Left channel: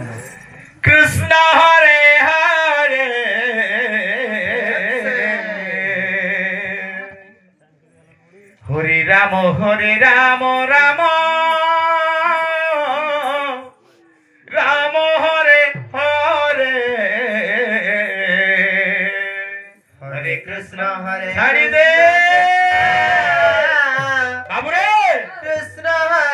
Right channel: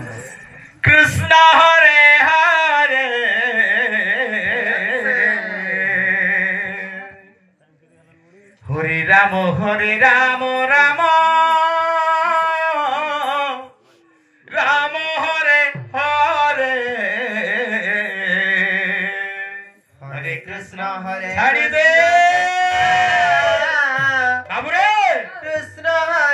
Krishna Hare Hare Hare Rama Hare Rama Rama Rama Hare Hare Hare Krishna Hare Hare Krishna Hare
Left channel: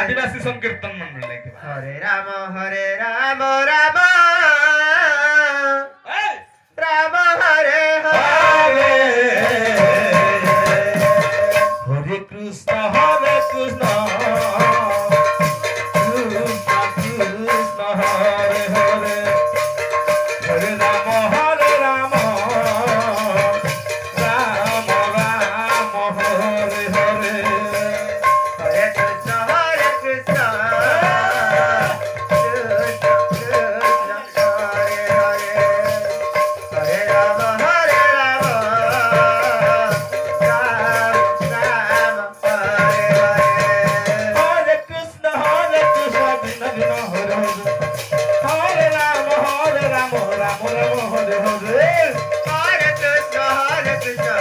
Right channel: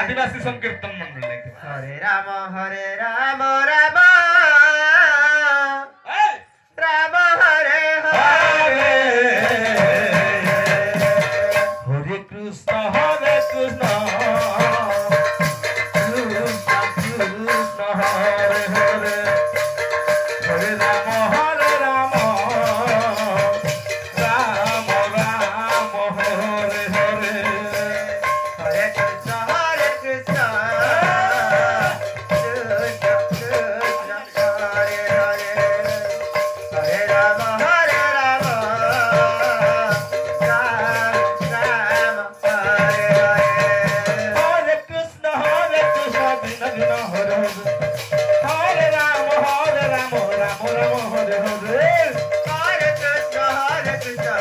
Adivasi Sankeertana Mandal Hare Ram Ram Ram Hare Hare Hare Krishna Hare Krishna Krishna Krishna Hare Hare Hare Ram Ram Ram Hare Hare Hare Krishna Hare Krishna Krishna Krishna Hare Hare Hare Rama Rama Rama Hare Hare Hare Krishna Krishna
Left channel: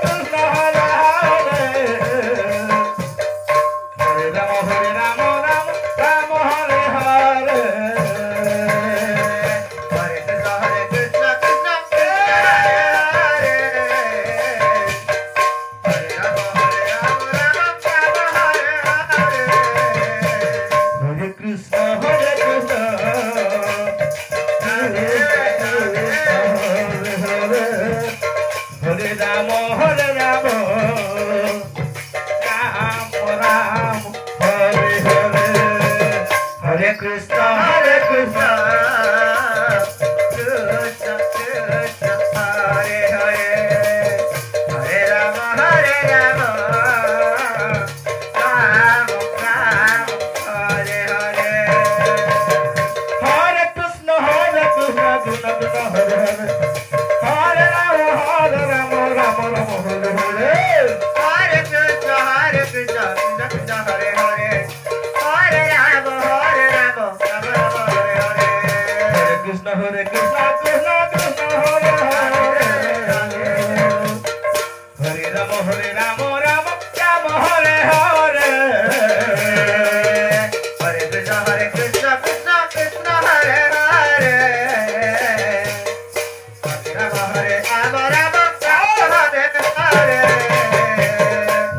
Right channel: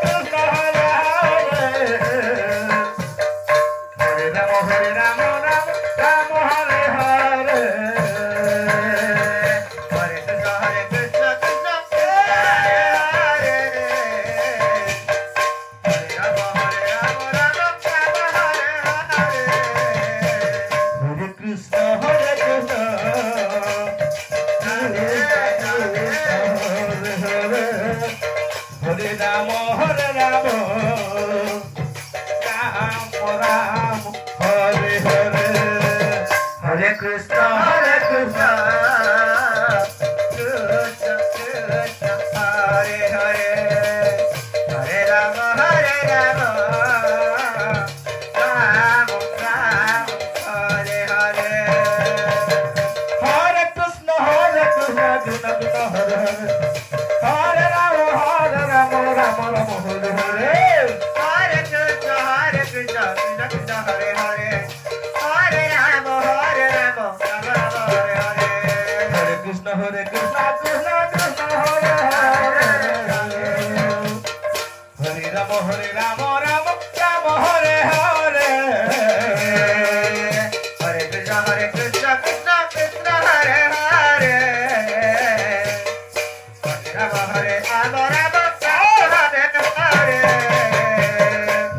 Krishna Hare Hare Hare Rama Rama Rama Hare Hare Hare Krishna Hare Krishna Hare Rama Hare Rama Rama Rama Hare Hare Hare Krishna Krishna Krishna Hare Hare Hare Rama Rama Rama Hare Hare Hare Krishna Krishna Krishna Hare Hare Hare Rama Rama Rama Hare Hare Hare Krishna Krishna Krishna Hare Hare Hare Rama Rama Rama Hare Hare Hare Krishna Krishna Krishna Hare Hare Hare Rama Rama Rama Hare Hare Hare Krishna Krishna Krishna Hare Hare Hare Rama Rama Rama Hare Hare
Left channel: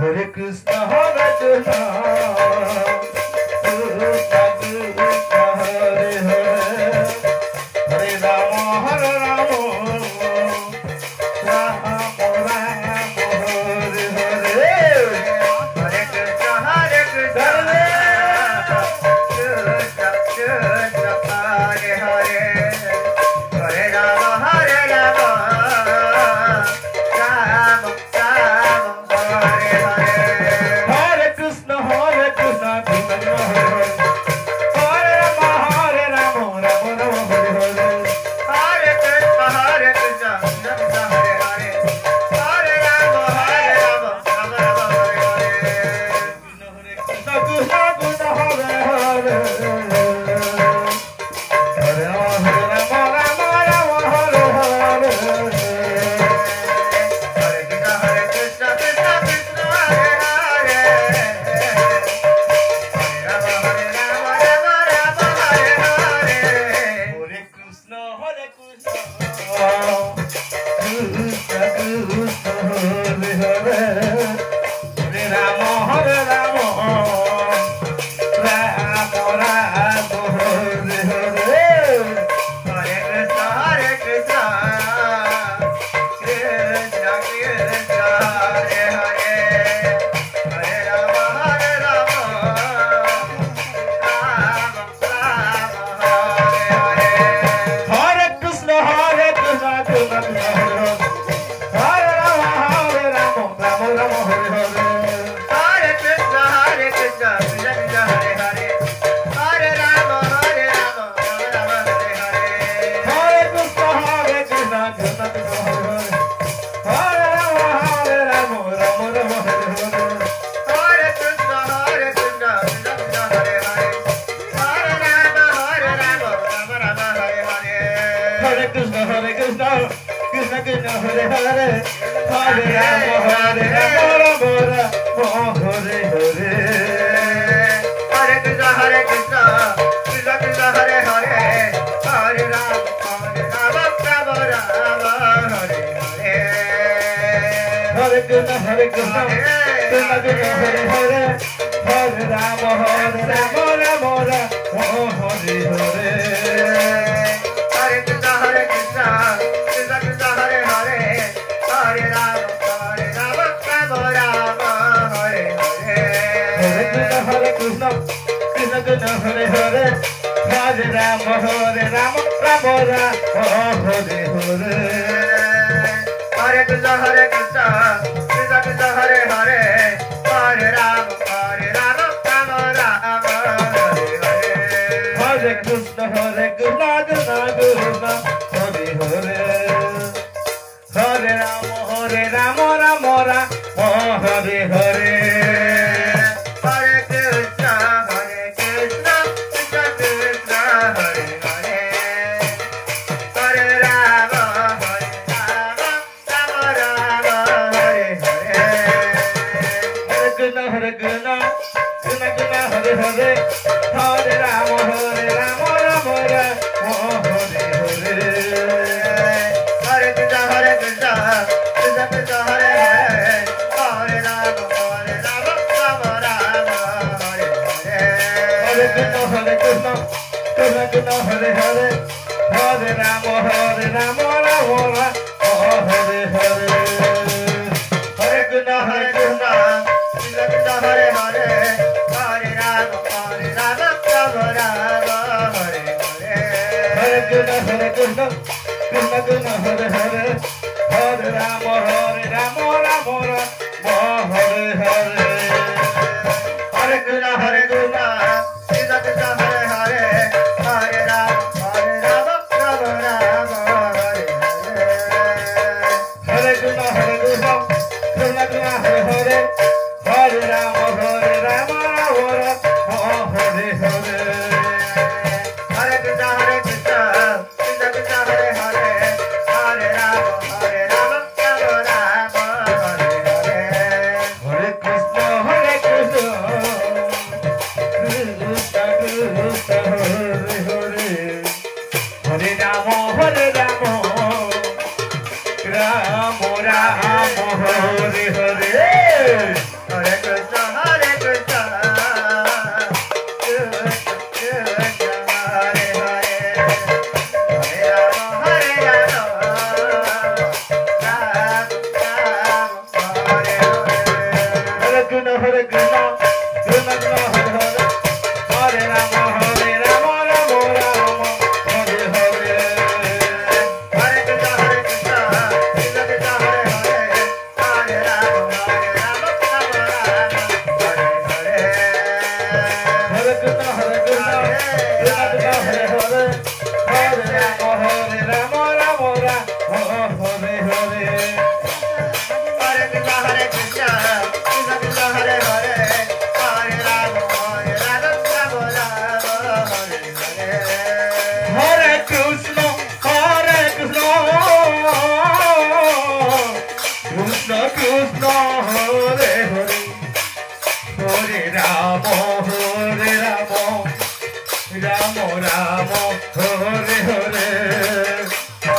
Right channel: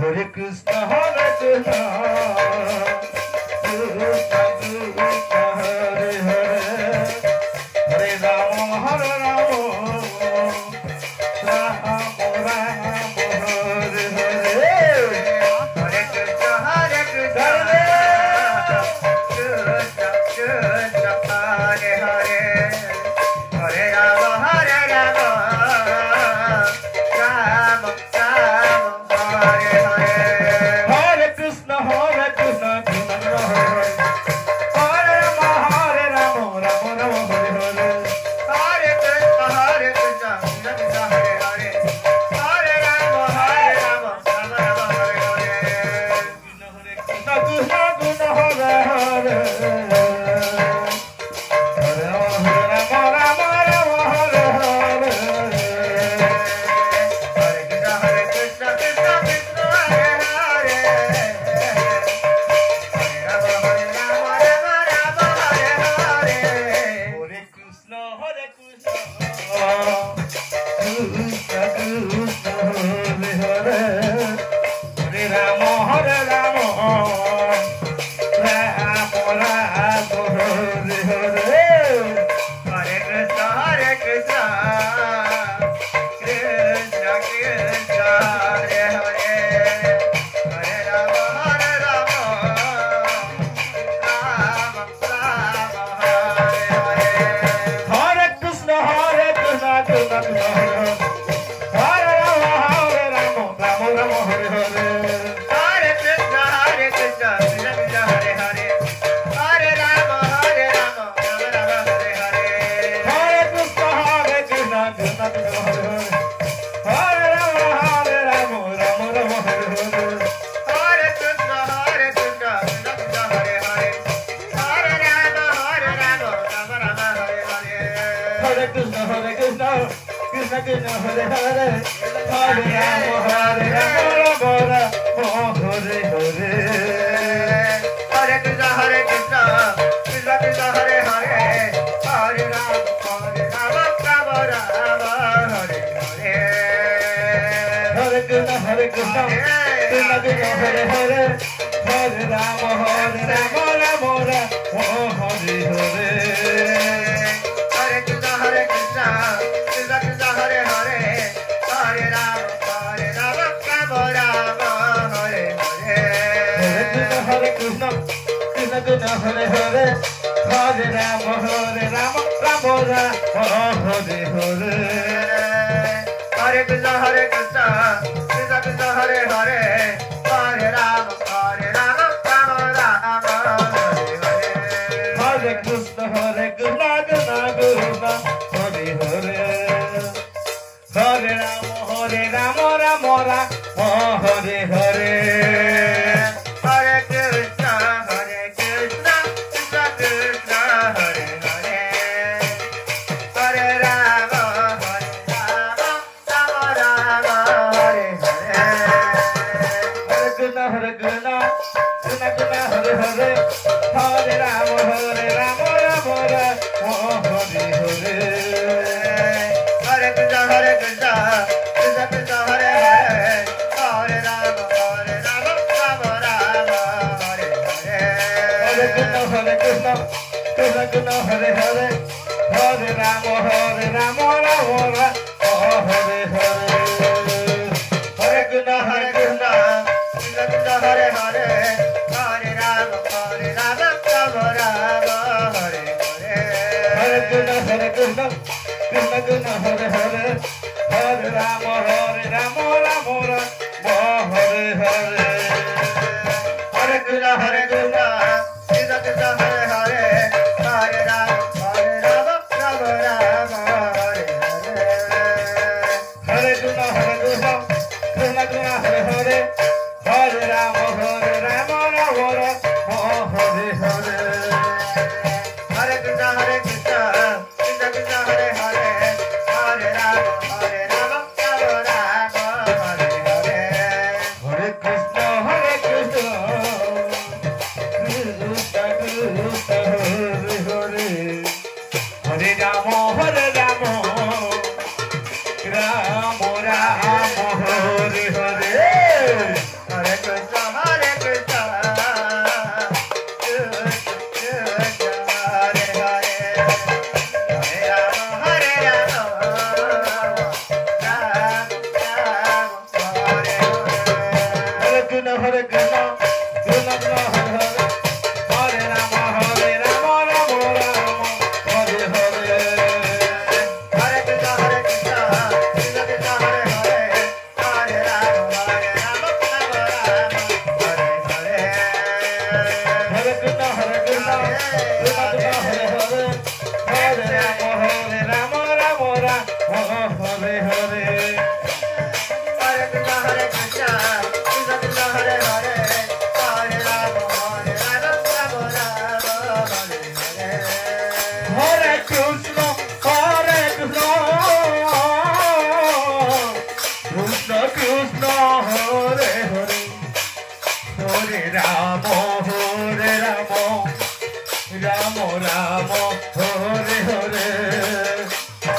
Hare Krishna Hare Krishna Krishna Krishna Hare Hare Hare Rama Rama Rama Rama Hare Hare Hare Krishna Krishna Krishna Hare Hare Hare Rama Rama Krishna Krishna Hare Hare Hare Rama Rama Hare Hare Hare Krishna Krishna Krishna Hare Hare Hare Rama Rama Rama Hare Hare Hare Krishna Krishna Krishna Krishna Hare Hare Hare Rama Rama Rama Hare Hare Hare Krishna Krishna Krishna Hare Hare Hare Rama Rama Rama Hare Hare Hare Krishna Krishna Krishna Hare Hare Hare Rama Rama Rama Hare Hare Hare Krishna Krishna Krishna Hare Hare Hare Rama Rama Rama Hare Hare Hare Krishna Krishna Krishna Hare Hare Hare Rama Rama Rama Hare Hare Hare Krishna Krishna Krishna Hare Hare Hare Rama Rama Hare Hare Hare Krishna Krishna Krishna Hare Hare Hare Rama Rama Rama Hare Hare Hare Krishna Krishna Krishna Hare Hare Hare Rama Rama Rama Hare Hare Hare Krishna Krishna Krishna Hare Hare Hare Rama Rama Rama Hare Hare Hare Krishna Krishna Krishna Hare Hare Hare Rama Rama Rama Hare Hare Hare Krishna Krishna Krishna Hare Hare Hare Rama Rama Rama Hare Hare Hare Krishna Krishna Krishna Hare Hare Hare Rama Rama Rama Hare Hare Hare Krishna Krishna Krishna Hare Hare Hare Rama Rama Rama Hare Hare Hare Krishna Krishna Krishna Hare Hare Hare Rama Rama Rama Hare Hare Hare Krishna Krishna Krishna Hare Hare Hare Rama Rama Rama Hare Hare Hare Krishna Krishna Krishna Hare Hare Hare Rama Rama Hare Krishna Krishna Hare Hare Hare Rama Rama Rama Hare Hare Hare Krishna Krishna Krishna Hare Hare Hare Rama Rama Hare Hare Hare Krishna Krishna Krishna Hare Hare Hare Rama Rama Hare Hare Hare Krishna Krishna Krishna Hare Hare Hare Rama Rama Hare Hare Hare Krishna Krishna Krishna Hare Hare Hare Rama Rama Rama Hare Hare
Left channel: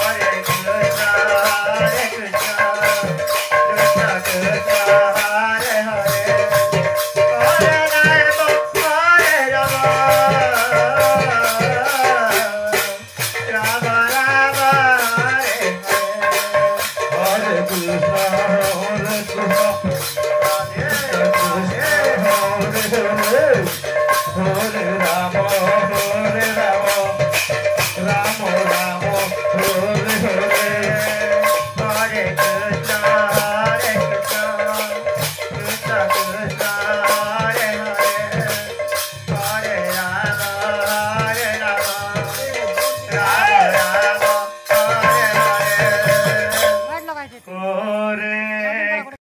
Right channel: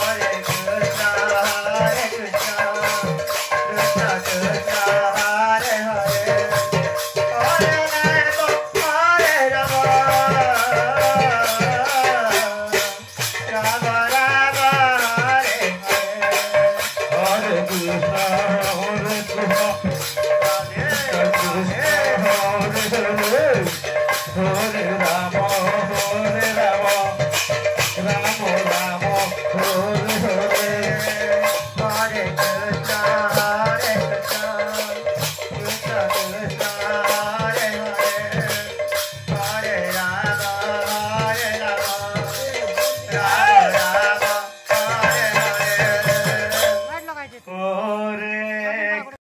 Hare Krishna Krishna Krishna Hare Hare Hare Rama Rama Rama Hare Hare Hare Krishna